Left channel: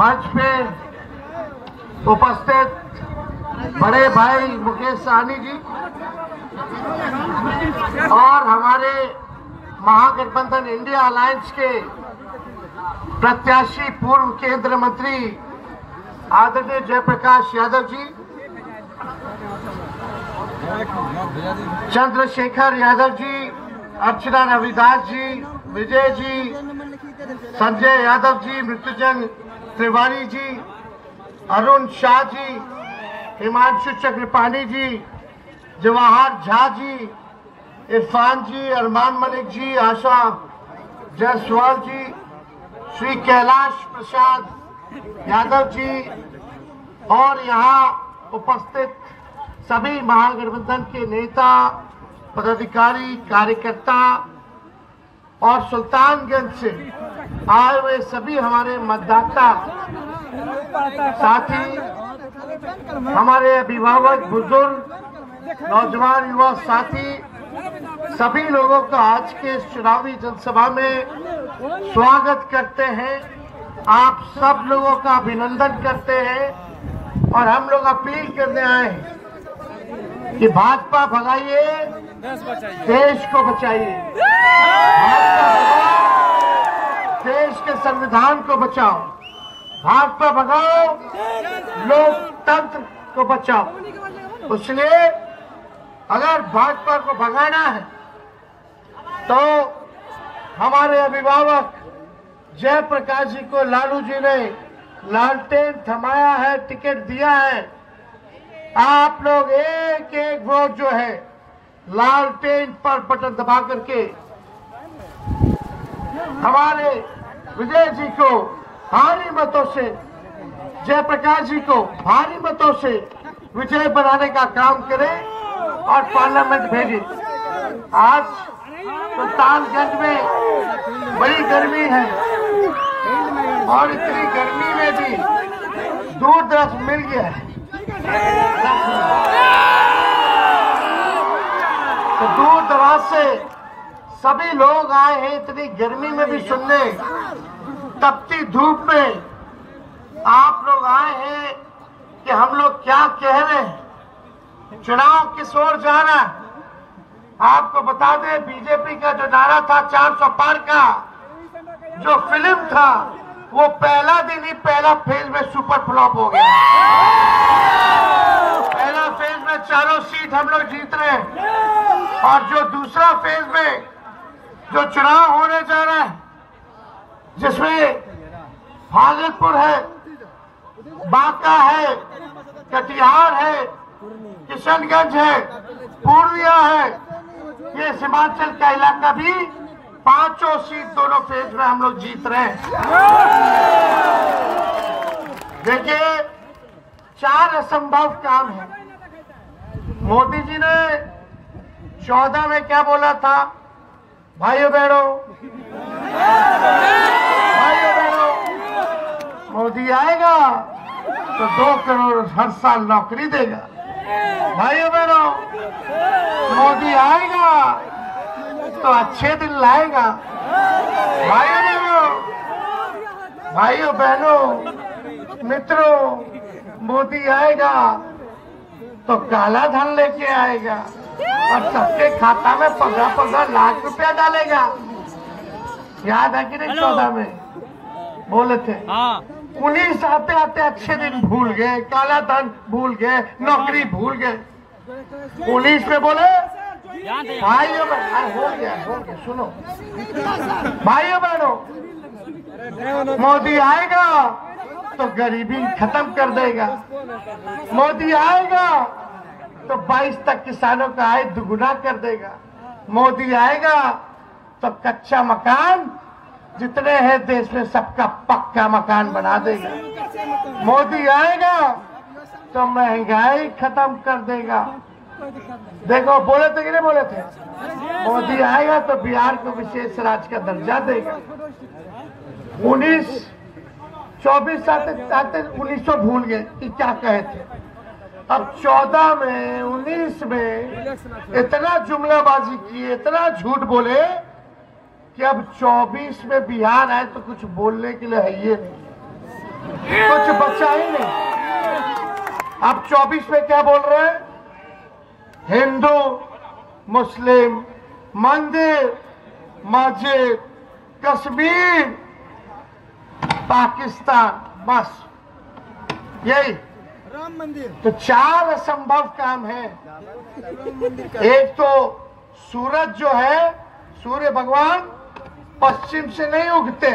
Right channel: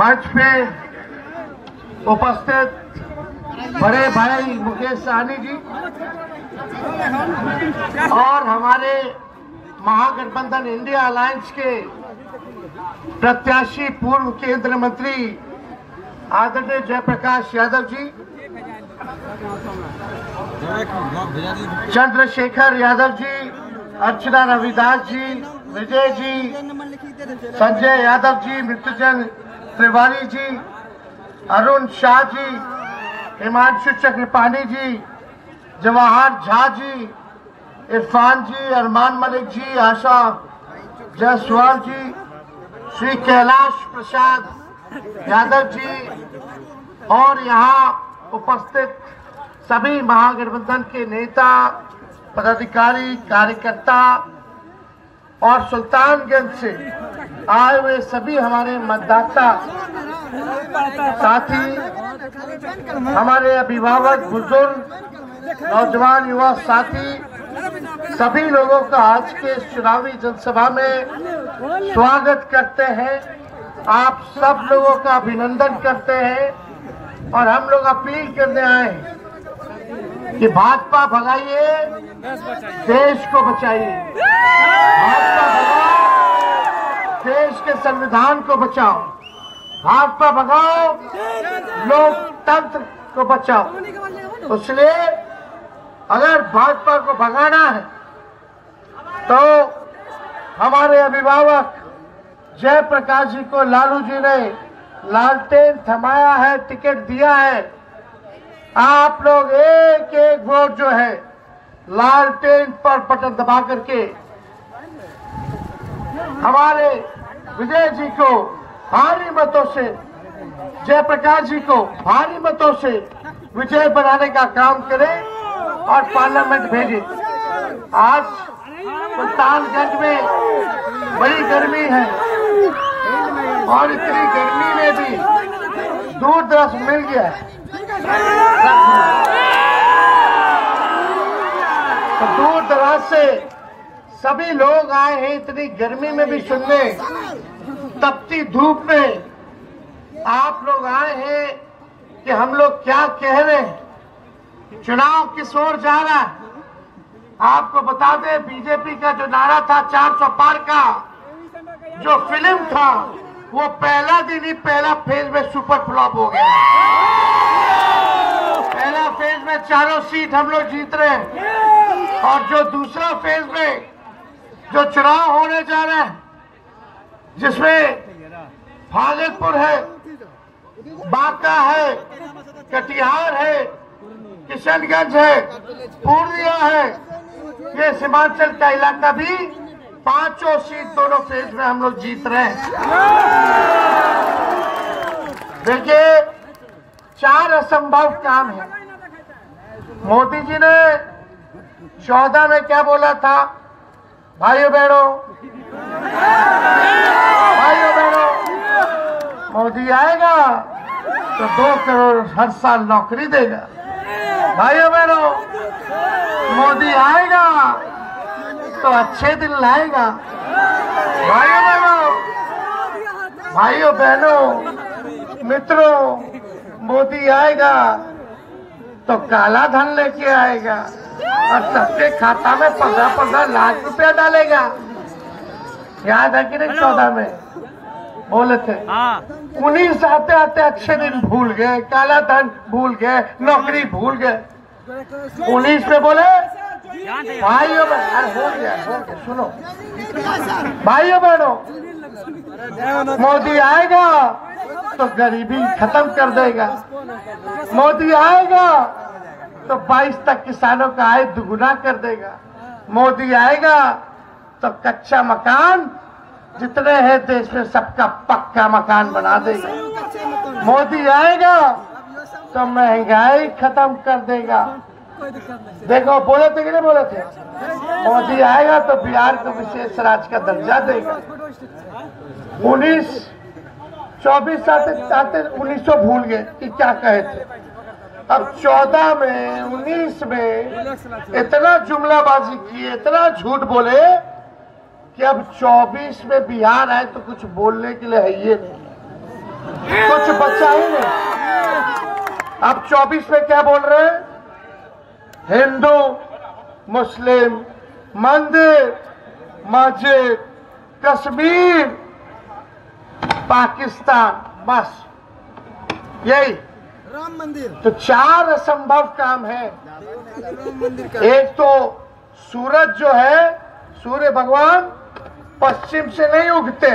मंच पे उपस्थित बड़े भाई मुकेश सहनी जी और हमारे महागठबंधन इंडिया अलायंस के प्रत्याशी पूर्व केंद्रीय मंत्री आदरणीय जयप्रकाश यादव जी, चंद्रशेखर यादव जी, अर्चना रविदास जी, विजय जी, संजय यादव जी, मृत्युंजय तिवारी जी, अरुण शाह जी, हिमांशु चक्रपाणी जी, जवाहर झा जी, इरफान जी, अरमान मलिक जी, आशा जायसवाल जी, श्री कैलाश प्रसाद यादव जी और यहाँ उपस्थित सभी महागठबंधन के नेता, पदाधिकारी, कार्यकर्ता और सुल्तानगंज से आए हुए सभी हमारे मतदाता साथी, हमारे अभिभावक, बुजुर्ग, नौजवान, युवा साथी, सभी लोगों का आज के चुनावी जनसभा में स्वागत करते हैं। आप सब लोगों का अभिनंदन करते हैं और हम लोग अपील करने आए हैं कि भाजपा भगाइए, देश को बचाइए। भाजपा भगाओ, देश के संविधान को बचाओ। भाजपा भगाओ, लोकतंत्र को बचाओ। इसलिए अगर भाजपा को भगाना है तो हमारे अभिभावक जयप्रकाश जी को लालू जी ने लालटेन थमाया है, टिकट दिया है। आप लोग एक एक वोट जो है लालटेन पर बटन दबा करके हमारे विजय जी को भारी मतों से, जयप्रकाश जी को भारी मतों से विजय बनाने का काम करें और पार्लियामेंट भेजें। आज सुल्तानगंज में बड़ी गर्मी है और इतनी गर्मी में भी दूर दराज मिल गया है तो दूर दराज से सभी लोग आए हैं इतनी गर्मी में भी सुनने। तपती धूप में आप लोग आए हैं कि हम लोग क्या कह रहे हैं, चुनाव किस ओर जा रहा है। आपको बता दें, बीजेपी का जो नारा था 400 पार का जो फिल्म था वो पहला दिन ही पहला फेज में सुपर फ्लॉप हो गया। पहला फेज में चारों सीट हम लोग जीत रहे हैं और जो दूसरा फेज में जो चुनाव होने जा रहा है जिसमें भागलपुर है, बांका है, कटिहार है, किशनगंज है, पूर्णिया है, ये सीमांचल का इलाका भी पांचों सीट दोनों फेज में हम लोग जीत रहे हैं। देखिए, 4 असंभव काम है। मोदी जी ने 14 में क्या बोला था, भाइयों बहनों, मोदी आएगा तो 2 करोड़ हर साल नौकरी देगा। भाइयों बहनों, मोदी आएगा तो अच्छे दिन लाएगा। भाइयों बहनों, मित्रों, मोदी आएगा तो काला धन लेके आएगा और सबके खाता में 15-15 लाख रुपया डालेगा। याद है कि नहीं? 14 में बोले थे। 19 आते आते अच्छे दिन भूल गए, काला धन भूल गए, नौकरी भूल गए। 19 में बोले भाइयों बहनों, हो गया, सुनो भाइयों बहनों, मोदी आएगा तो गरीबी खत्म कर देगा। मोदी आएगा तो 22 तक किसानों का आय दुगुना कर देगा। मोदी आएगा तो कच्चा मकान जितने हैं देश में सबका पक्का मकान बना देगा। मोदी आएगा तो महंगाई खत्म कर देगा। देखो, बोले थे कि नहीं बोले थे? मोदी आएगा तो बिहार को विशेष राज्य का दर्जा देगा। 24 आते 1900 भूल गए कि क्या कहे थे। अब 14 में, 19 में इतना जुमलाबाजी किए, इतना झूठ बोले कि अब 24 में बिहार आए तो कुछ बोलने के लिए है ये नहीं। कुछ बचा ही नहीं। अब 24 में क्या बोल रहे हैं? हिंदू मुस्लिम मंदिर मस्जिद कश्मीर पाकिस्तान, बस यही राम मंदिर। तो 4 असंभव काम है। एक तो सूरज जो है, सूर्य भगवान पश्चिम से नहीं उगते।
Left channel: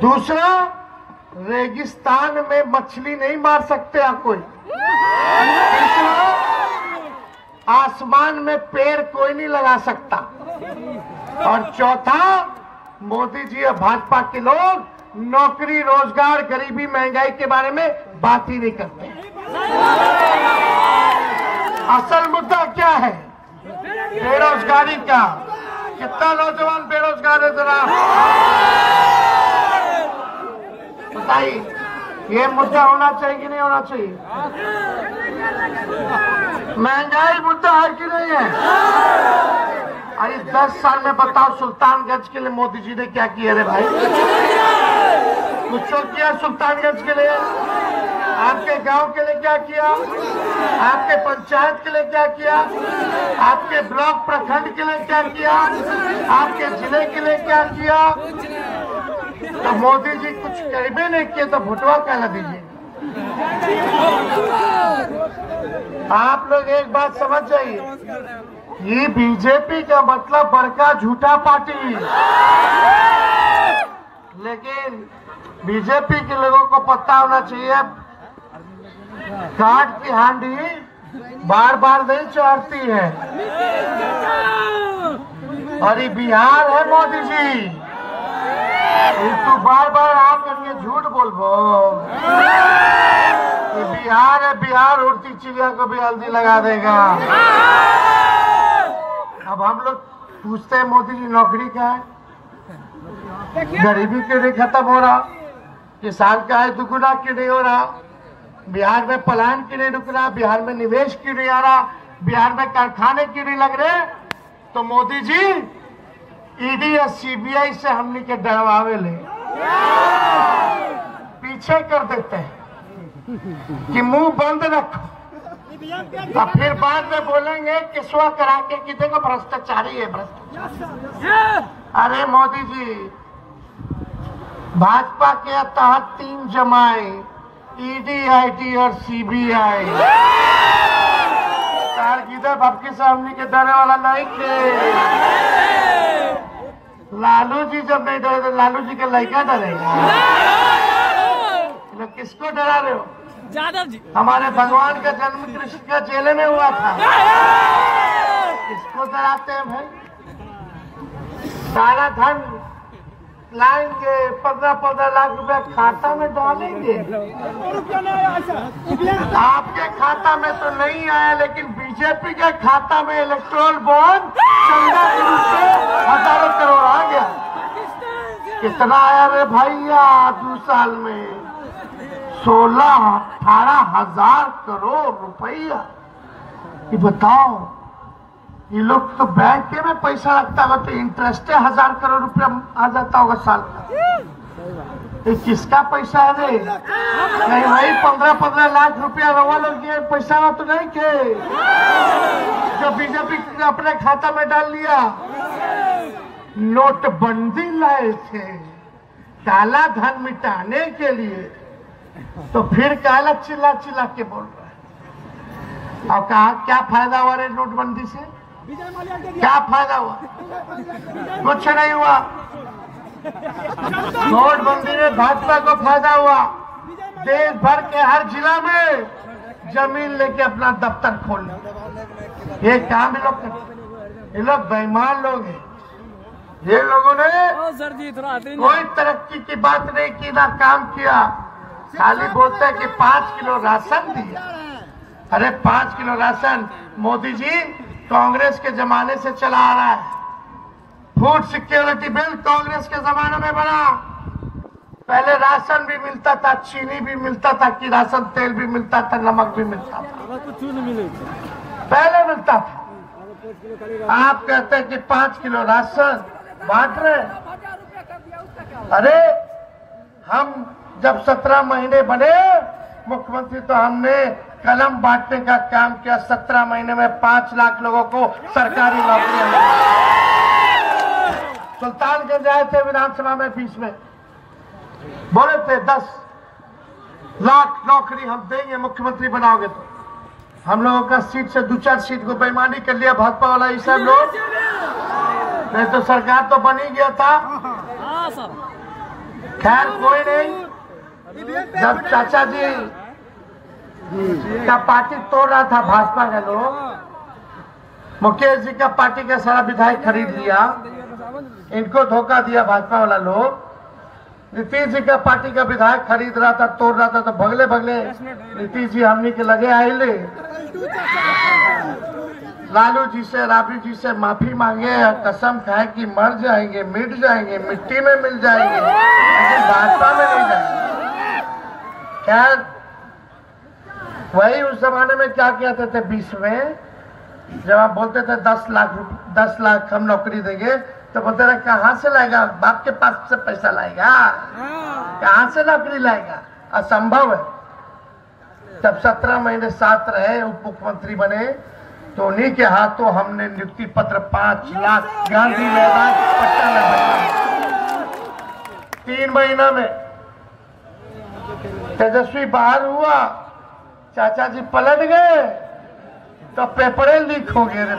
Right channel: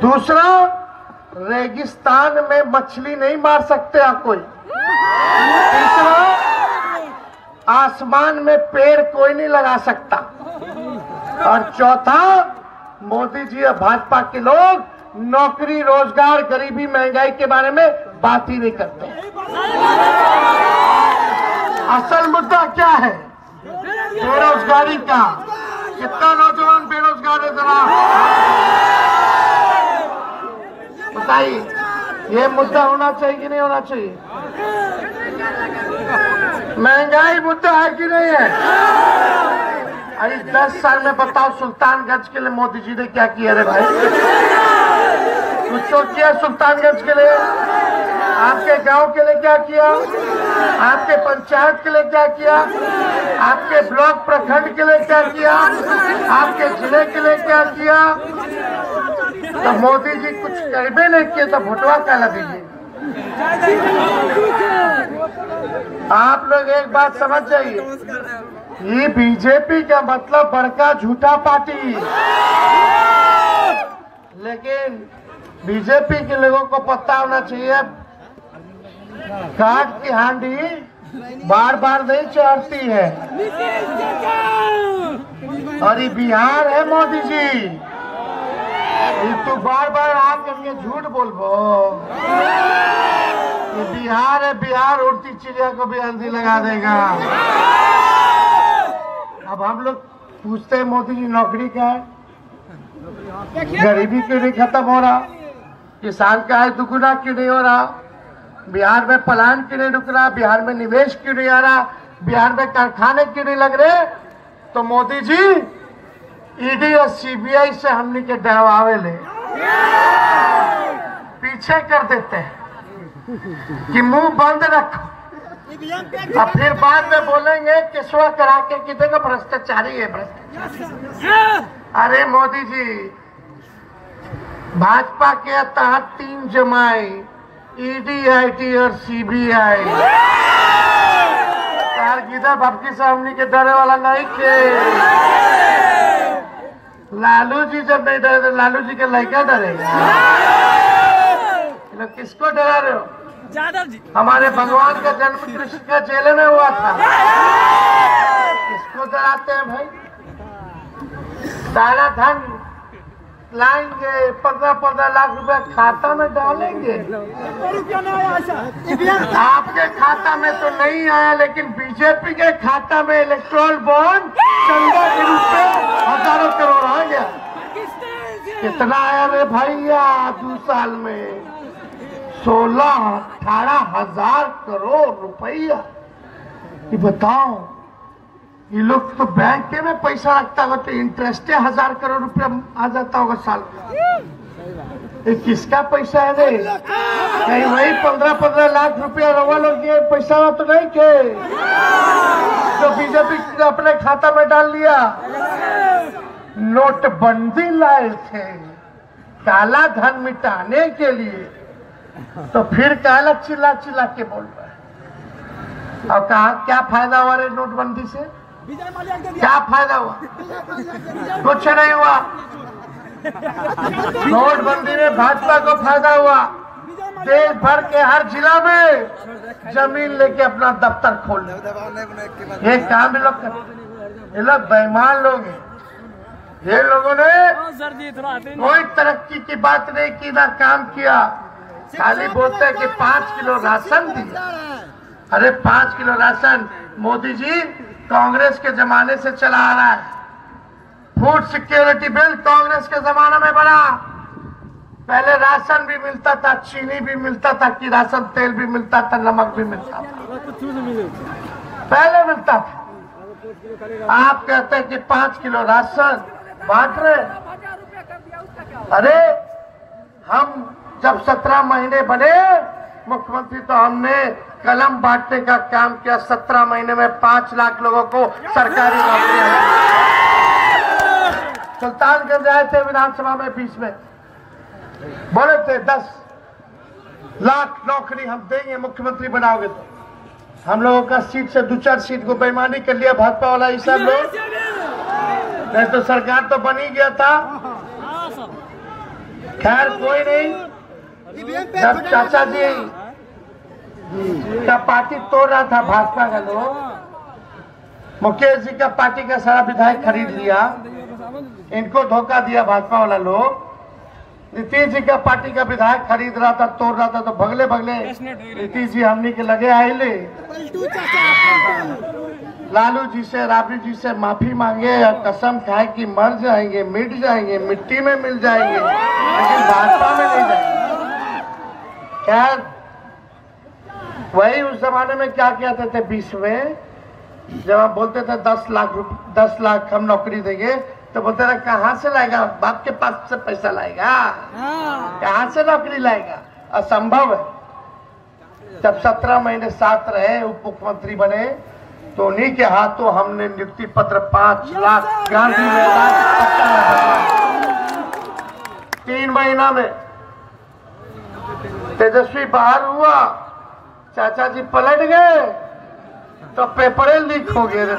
दूसरा, रेगिस्तान में मछली नहीं मार सकते आप कोई। तीसरा, आसमान में पेड़ कोई नहीं लगा सकता। और चौथा, मोदी जी और भाजपा के लोग नौकरी रोजगार गरीबी महंगाई के बारे में बात ही नहीं करते। असल मुद्दा क्या है? बेरोजगारी का। कितना नौजवान बेरोजगार है जरा बताइए। ये मुद्दा होना चाहिए कि नहीं होना चाहिए? महंगाई मुद्दा है कि नहीं है? अरे 10 साल में बताओ सुल्तानगंज के लिए मोदी जी ने क्या किया रे भाई? कुछ तो किया सुल्तानगंज के लिए? आपके गांव के लिए क्या किया? आपके पंचायत के लिए क्या किया? आपके ब्लॉक प्रखंड के लिए क्या किया? आपके जिले के लिए क्या किया? तो मोदी जी कुछ कहबे नहीं किए तो भुटवा कहला दीजिए। आप लोग एक बात समझ जाइए, ये बीजेपी का मतलब बड़का झूठा पार्टी। लेकिन बीजेपी के लोगों को पता होना चाहिए, काट की हांडी बार बार नहीं चढ़ती है। और ये बिहार है मोदी जी, तू बार बार आप करके झूठ बोलबो। बिहार है, बिहार उड़ती चिड़िया को भी हल्दी लगा देगा। अब हम लोग पूछते हैं मोदी जी नौकरी क्या है? गरीबी क्यों नहीं खत्म हो रहा? किसान का आय दुगुना क्यों नहीं हो रहा? बिहार में पलायन क्यों नहीं रुक रहा? बिहार में निवेश क्यों नहीं आ रहा? बिहार में कारखाने क्यों नहीं लग रहे? तो मोदी जी ईडी और सीबीआई से हमने के डरवावे ले पीछे कर देते हैं कि मुंह बंद रखो, और फिर बाद में बोलेंगे किस्वा करा के कि देखो भ्रष्टाचारी है भ्रष्टाचारी। अरे मोदी जी, भाजपा के तहत 3 जमाई ईडी आईटी और सीबीआई गिदा भटकी से हमने के डरे वाला नहीं के। लालू जी जब नहीं डरे तो लालू जी के लड़का डरेगा। लोग किसको डरा रहे हो? यादव जी। हमारे भगवान का जन्म कृष्ण का जेल में हुआ था। किसको डराते हैं भाई? सारा धन लाएंगे, 15-15 लाख रुपया खाता में डालेंगे। आपके खाता में तो नहीं आया, लेकिन बीजेपी के खाता में इलेक्ट्रोल बॉन्ड चंदा के रूप में हजारों करोड़ आ गया। कितना आया रे भैया? 2 साल में 16-18 हजार करोड़ रुपया। ये बताओ, ये लोग तो बैंक में पैसा रखता होगा तो इंटरेस्ट 1000 करोड़ रुपया आ जाता होगा साल का। ये किसका पैसा है रे? नहीं वही 15-15 लाख रुपया रवा लोग ये पैसा तो नहीं के जो बीजेपी ने अपने खाता में डाल लिया। नोटबंदी लाए थे काला धन मिटाने के लिए, तो फिर काला चिल्ला चिल्ला के बोल रहा है। और कहा क्या फायदा हुआ रे नोटबंदी से? क्या फायदा हुआ? कुछ नहीं हुआ। नोटबंदी में भाजपा को फायदा हुआ। देश भर के हर जिला में जमीन लेके अपना दफ्तर खोल ये काम ये लोग बेईमान लोग हैं। ये लोगों ने कोई तरक्की की बात नहीं की, ना काम किया। खाली बोलते हैं कि 5 किलो राशन दिया। अरे 5 किलो राशन मोदी जी कांग्रेस के जमाने से चला आ रहा है। फूड सिक्योरिटी बिल कांग्रेस के जमाने में बना। पहले राशन भी मिलता था, चीनी भी मिलता था, कि राशन तेल भी मिलता था, नमक भी मिलता था, पहले मिलता था। आप कहते हैं कि 5 किलो राशन बांट रहे। अरे हम जब 17 महीने बने मुख्यमंत्री तो हमने कलम बांटने का काम किया। 17 महीने में 5 लाख लोगों को सरकारी नौकरियां दी। सुल्तानगंज आए थे विधानसभा में 20 में, बोले थे 10 लाख नौकरी हम देंगे मुख्यमंत्री बनाओगे तो। हम लोगों का सीट से 2-4 सीट को बेईमानी कर लिया भाजपा वाला ये सब लोग, नहीं तो सरकार तो बन ही गया था। खैर कोई नहीं। जब चाचा जी का पार्टी तोड़ रहा था भाजपा का लोग, मुकेश जी का पार्टी का सारा विधायक खरीद लिया, इनको धोखा दिया भाजपा वाला लोग। नीतीश जी का पार्टी का विधायक खरीद रहा था, तोड़ रहा था, तो भगले भगले नीतीश जी हमने के लगे आइले लालू जी से, राबड़ी जी से माफी मांगे, कसम खाए कि मर जाएंगे, मिट जाएंगे, मिट्टी में मिल जाएंगे, लेकिन भाजपा में नहीं जाएंगे। खैर वही उस जमाने में क्या कहते थे 20 में, जब आप बोलते थे 10 लाख हम नौकरी देंगे, तो बोलते रहे कहां से लाएगा, बाप के पास से पैसा लाएगा, कहां से नौकरी लाएगा, असंभव है। जब 17 महीने साथ रहे, उप मुख्यमंत्री बने, तो उन्हीं के हाथों हमने नियुक्ति पत्र 5 लाख गांधी मैदान 3 महीना में। तेजस्वी बाहर हुआ, चाचा जी पलट गए तो पेपरे लीक हो गए।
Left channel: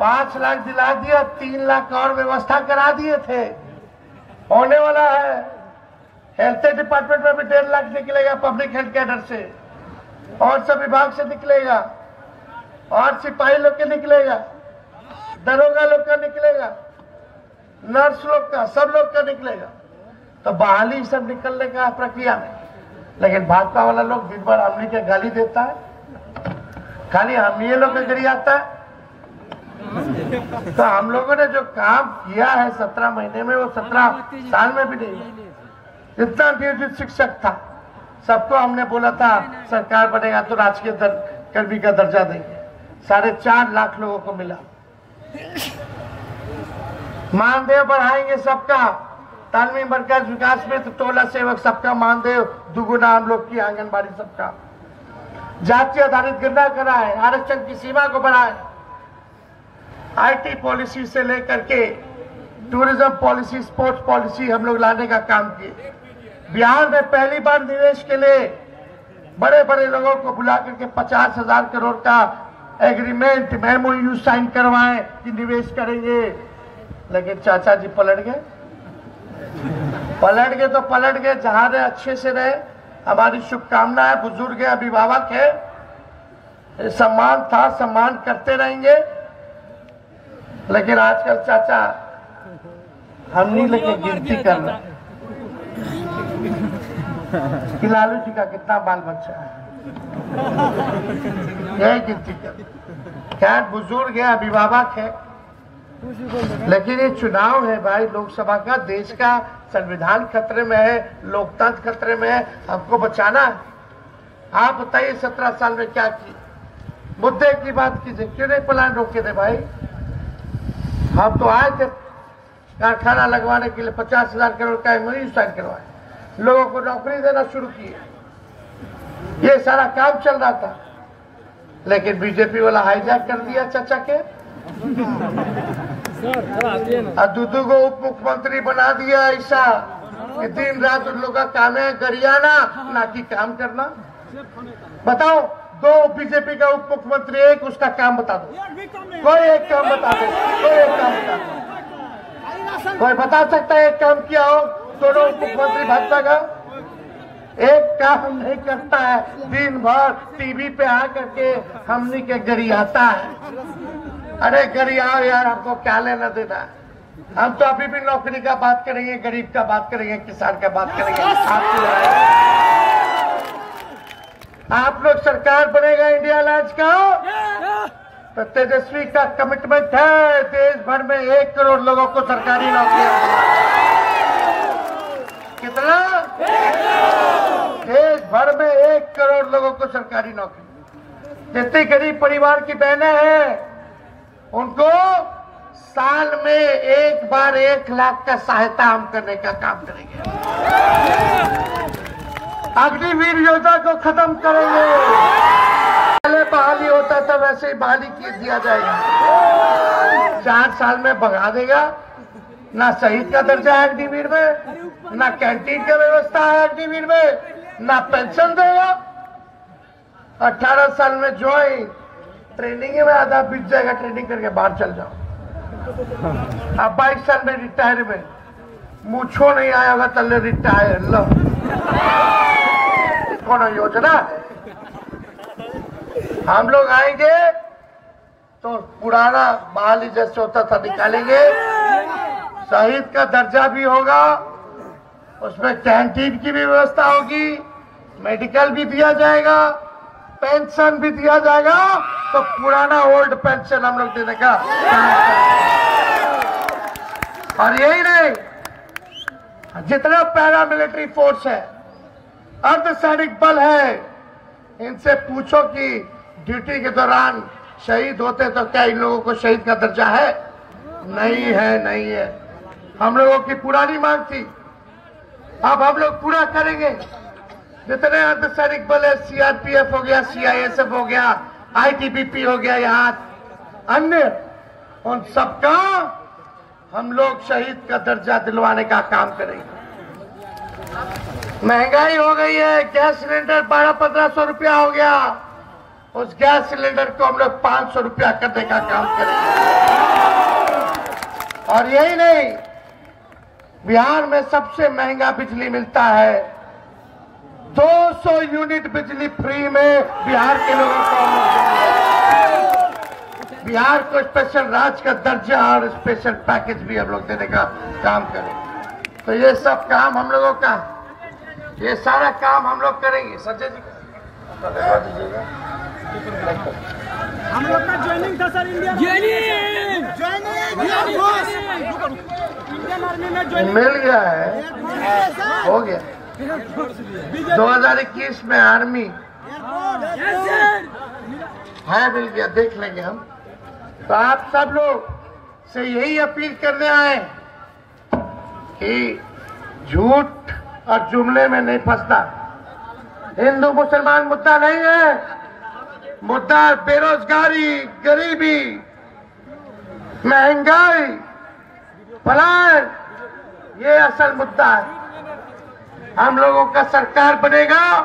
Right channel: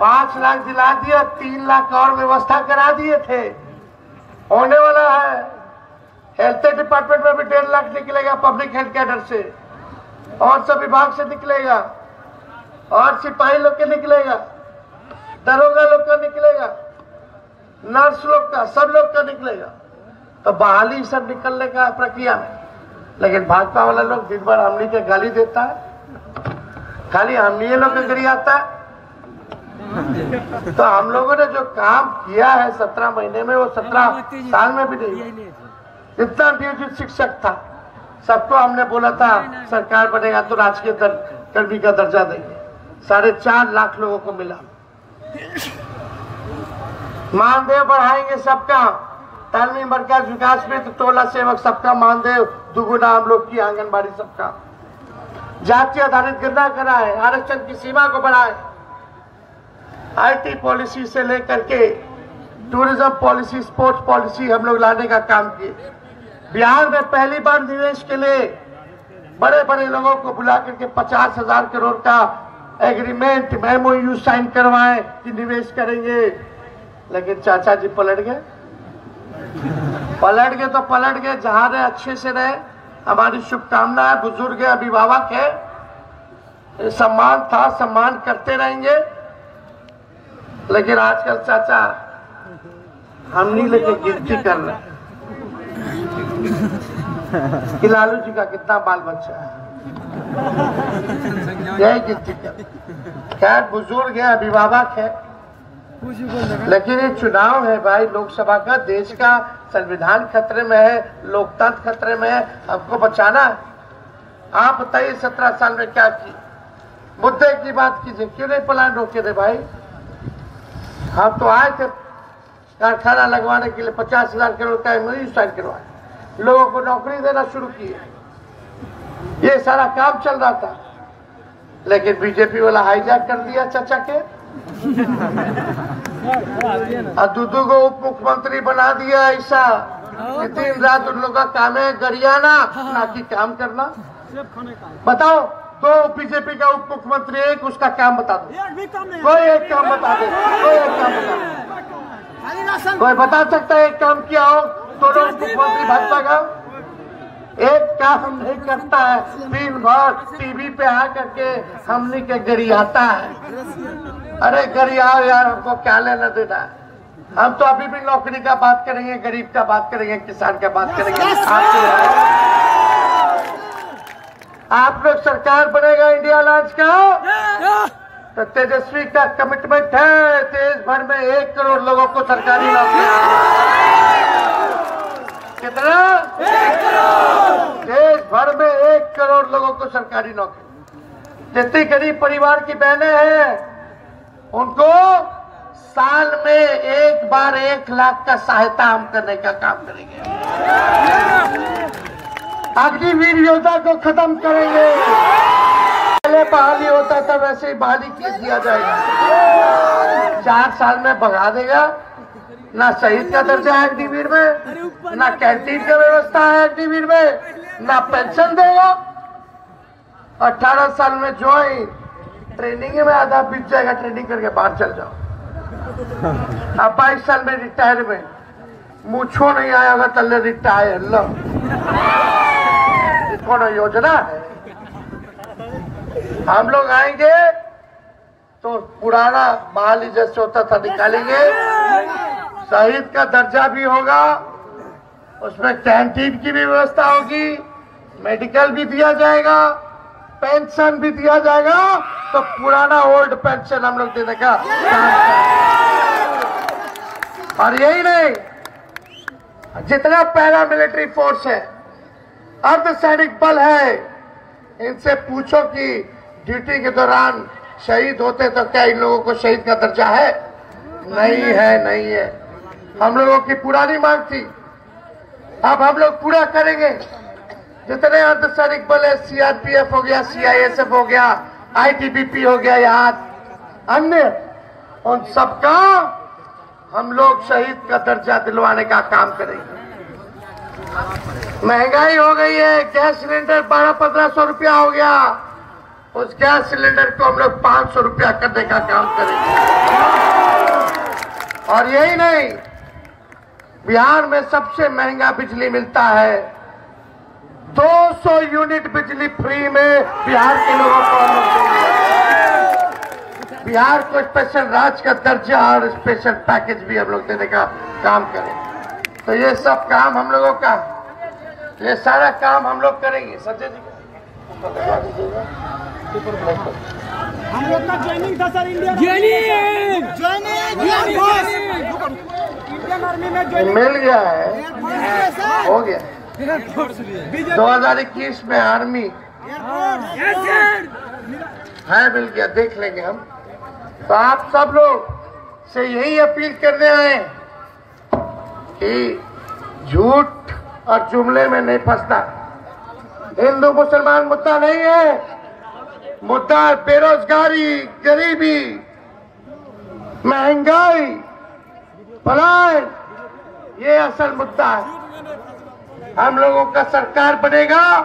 5 लाख दिला दिया, 3 लाख और व्यवस्था करा दिए थे। होने वाला है हेल्थ डिपार्टमेंट में भी 1.5 लाख निकलेगा पब्लिक हेल्थ कैडर से, और सब विभाग से निकलेगा, और सिपाही लोग के निकलेगा, दरोगा लोग का निकलेगा, नर्स लोग का, सब लोग का निकलेगा। तो बहाली सब निकलने का प्रक्रिया में। लेकिन भाजपा वाला लोग दिन भर हमनी के गाली देता है, खाली हमनी लोग के गिरी आता है। तो हम लोगों ने जो काम किया है 17 महीने में, वो 17 साल में भी नहीं। जितना नियोजित शिक्षक था सबको हमने बोला था सरकार बनेगा तो राजकीय कर्मी का दर्जा देंगे, 4.5 लाख लोगों को मिला। मानदेय बढ़ाएंगे सबका, तालमी मरकज विकास मित्र, टोला सेवक सबका मानदेय दुगुना हम लोग की, आंगनबाड़ी सबका। जाति आधारित गिरना कराए, आरक्षण की सीमा को बढ़ाए, आईटी पॉलिसी से लेकर के टूरिज्म पॉलिसी, स्पोर्ट्स पॉलिसी हम लोग लाने का काम किए। बिहार में पहली बार निवेश के लिए बड़े बड़े लोगों को बुला करके 50,000 करोड़ का एग्रीमेंट, MOU साइन करवाएं कि निवेश करेंगे। लेकिन चाचा जी पलट गए तो पलट गए। जहां रहे अच्छे से रहे, हमारी शुभकामना है। बुजुर्ग है, अभिभावक है, सम्मान था, सम्मान करते रहेंगे। लेकिन आजकल चाचा हम नहीं लेके गिनती कर रहे कि लालू जी का कितना बाल बच्चा है, यही गिनती कर। खैर बुजुर्ग है, अभिभावक है, लेकिन ये चुनाव है भाई, लोकसभा का, देश का संविधान खतरे में है, लोकतंत्र खतरे में है, हमको बचाना है। आप बताइए 17 साल में क्या किए? मुद्दे की बात कीजिए, क्यों नहीं प्लान रोके थे भाई? हम तो आए थे कारखाना लगवाने के लिए, 50,000 करोड़ का MOU साइन करवाए, लोगों को नौकरी देना शुरू किए, ये सारा काम चल रहा था। लेकिन बीजेपी वाला हाईजैक कर दिया चाचा के, और दूधू को उप मुख्यमंत्री बना दिया। ऐसा कि दिन रात उन लोगों का काम है गरियाना, ना कि काम करना। बताओ, 2 बीजेपी का उप मुख्यमंत्री, एक उसका काम बता दो, कोई एक काम बता दे, कोई एक काम बता दो, कोई बता सकता है एक काम किया हो? दोनों उप मुख्यमंत्री भाजपा का एक काम नहीं करता है, दिन भर टीवी पे आ करके हमनी के गरियाता है। अरे गरियाओ यार, हमको क्या लेना देना है? हम तो अभी भी नौकरी का बात करेंगे, गरीब का बात करेंगे, किसान का बात करेंगे। आप लोग सरकार बनेगा इंडिया अलायंस का, तो तेजस्वी का कमिटमेंट है देश भर में 1 करोड़ लोगों को सरकारी नौकरी। कितना? 1 करोड़। देश भर में 1 करोड़ लोगों को सरकारी नौकरी। जितनी गरीब परिवार की बहनें हैं उनको साल में एक बार 1 लाख का सहायता हम करने का काम करेंगे। अग्निवीर योजना को खत्म करेंगे। पहले बहाली होता था वैसे ही बहाली किया जाएगा। 4 साल में भगा देगा। ना शहीद का दर्जा है अग्निवीर में, ना कैंटीन की व्यवस्था है अग्निवीर में, ना पेंशन देगा। 18 साल में ज्वाइन, ट्रेनिंग में आधा बीत जाएगा, ट्रेनिंग करके बाहर चल जाओ। अब 22 साल में रिटायरमेंट, मुझो नहीं आया होगा चल रिटायर लो। कौन योजना है? हम लोग आएंगे तो पुराना बहाली जैसे होता था निकालेंगे। शहीद का दर्जा भी होगा, उसमें कैंटीन की भी व्यवस्था होगी, मेडिकल भी दिया जाएगा, पेंशन भी दिया जाएगा। तो पुराना ओल्ड पेंशन हम लोग देने का काम करेंगे। और यही नहीं, जितना पैरा मिलिट्री फोर्स है, अर्धसैनिक बल है, इनसे पूछो कि ड्यूटी के दौरान शहीद होते तो क्या इन लोगों को शहीद का दर्जा है? नहीं है, नहीं है। हम लोगों की पुरानी मांग थी, अब हम लोग पूरा करेंगे। जितने अर्धसैनिक बल है, सीआरपीएफ हो गया, सीआईएसएफ हो गया, आईटीबीपी हो गया, यहाँ अन्य, उन सबका हम लोग शहीद का दर्जा दिलवाने का काम करेंगे। महंगाई हो गई है, गैस सिलेंडर 1200-1500 रुपया हो गया, उस गैस सिलेंडर को हम लोग 500 रुपया करने का काम करेंगे। और यही नहीं, बिहार में सबसे महंगा बिजली मिलता है। 200 यूनिट बिजली फ्री में बिहार के लोगों को हम लोग देंगे। बिहार को स्पेशल राज्य का दर्जा और स्पेशल पैकेज भी हम लोग देने का काम करेंगे। तो ये सब काम हम लोगों का, ये सारा काम हम लोग करेंगे। संजय जी हम लोग का ज्वाइनिंग था सर, इंडियन आर्मी में ज्वाइनिंग मिल गया है, हो गया। 2021 में आर्मी है, मिल गया, देख लेंगे हम। तो आप सब लोग से यही अपील करने आए कि झूठ और जुमले में नहीं फंसना। हिंदू मुसलमान मुद्दा नहीं है, मुद्दा बेरोजगारी, गरीबी, महंगाई, पलायन, ये असल मुद्दा है। हम लोगों का सरकार बनेगा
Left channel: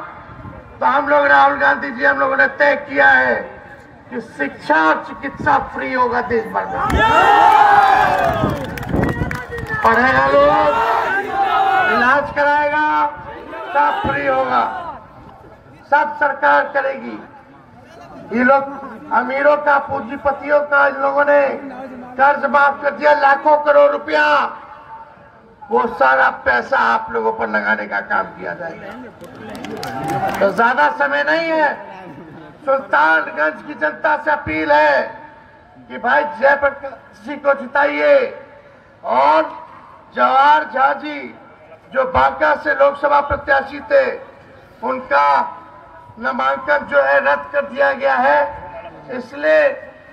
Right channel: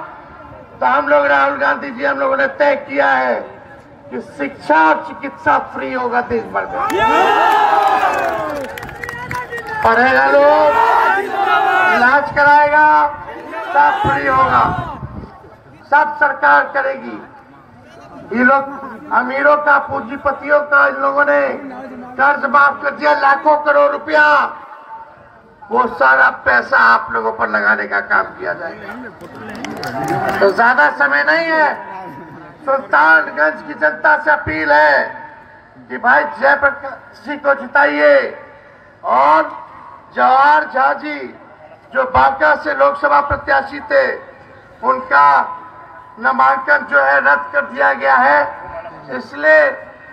तो हम लोग, राहुल गांधी जी, हम लोगों ने तय किया है कि शिक्षा और चिकित्सा फ्री होगा देश भर में। पढ़ेगा लोग, इलाज कराएगा, सब फ्री होगा, सब सरकार करेगी। ये लोग अमीरों का, पूंजीपतियों का, इन लोगों ने कर्ज माफ कर दिया, लाखों करोड़ रुपया, वो सारा पैसा आप लोगों पर लगाने का काम किया जाएगा। तो ज्यादा समय नहीं है। सुल्तानगंज की जनता से अपील है कि भाई जयप्रकाश जी को जिताइए, और जवाहर झा जी जो बांका से लोकसभा प्रत्याशी थे, उनका नामांकन जो है रद्द कर दिया गया है। इसलिए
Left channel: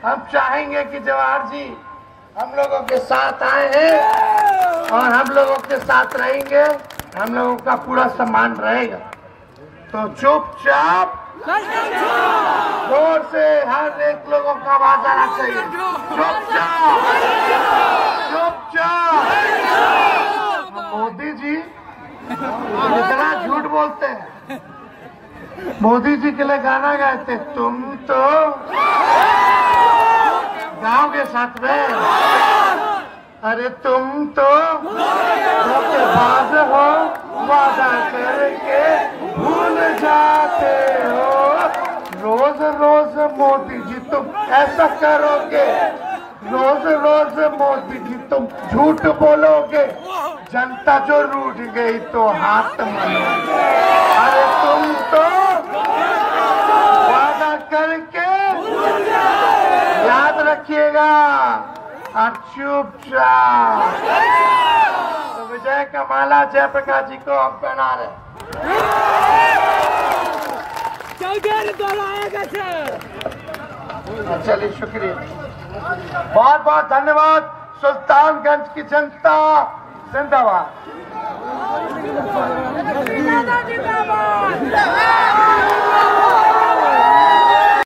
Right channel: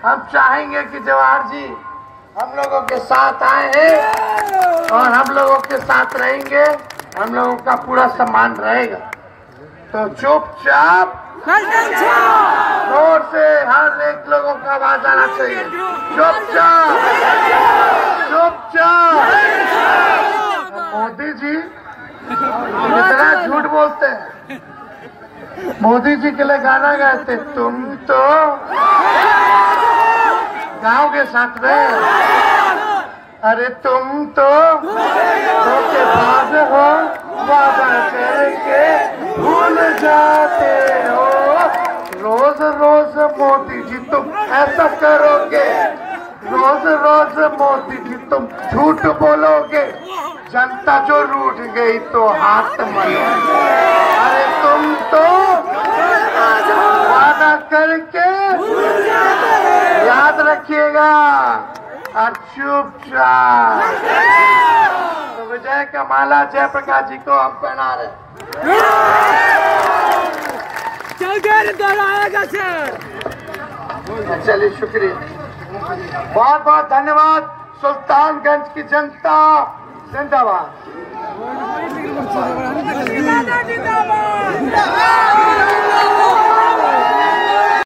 हम चाहेंगे कि जवाहर जी हम लोगों के साथ आए हैं और हम लोगों के साथ रहेंगे, हम लोगों का पूरा सम्मान रहेगा। तो चुपचाप जोर से हर एक लोगों का आवाज आना चाहिए, चुपचाप चुपचाप। मोदी जी कितना झूठ बोलते हैं। मोदी जी के लिए गाना गाते, तुम तो गाओगे साथ में, अरे तुम तो धोखेबाज हो, वादा करके भूल जाते हो। रोज रोज मोदी जी तुम ऐसा करोगे, रोज रोज मोदी जी तुम झूठ बोलोगे, जनता जो रूठ गई तो हाथ मलोगे। अरे तुम तो वादा करके याद रखिएगा और चुपचाप। तो विजय का माला जयप्रकाश जी को हम पहना रहे। चलिए, शुक्रिया, बहुत बहुत धन्यवाद। सुल्तानगंज की जनता जिंदाबाद। जिंदाबाद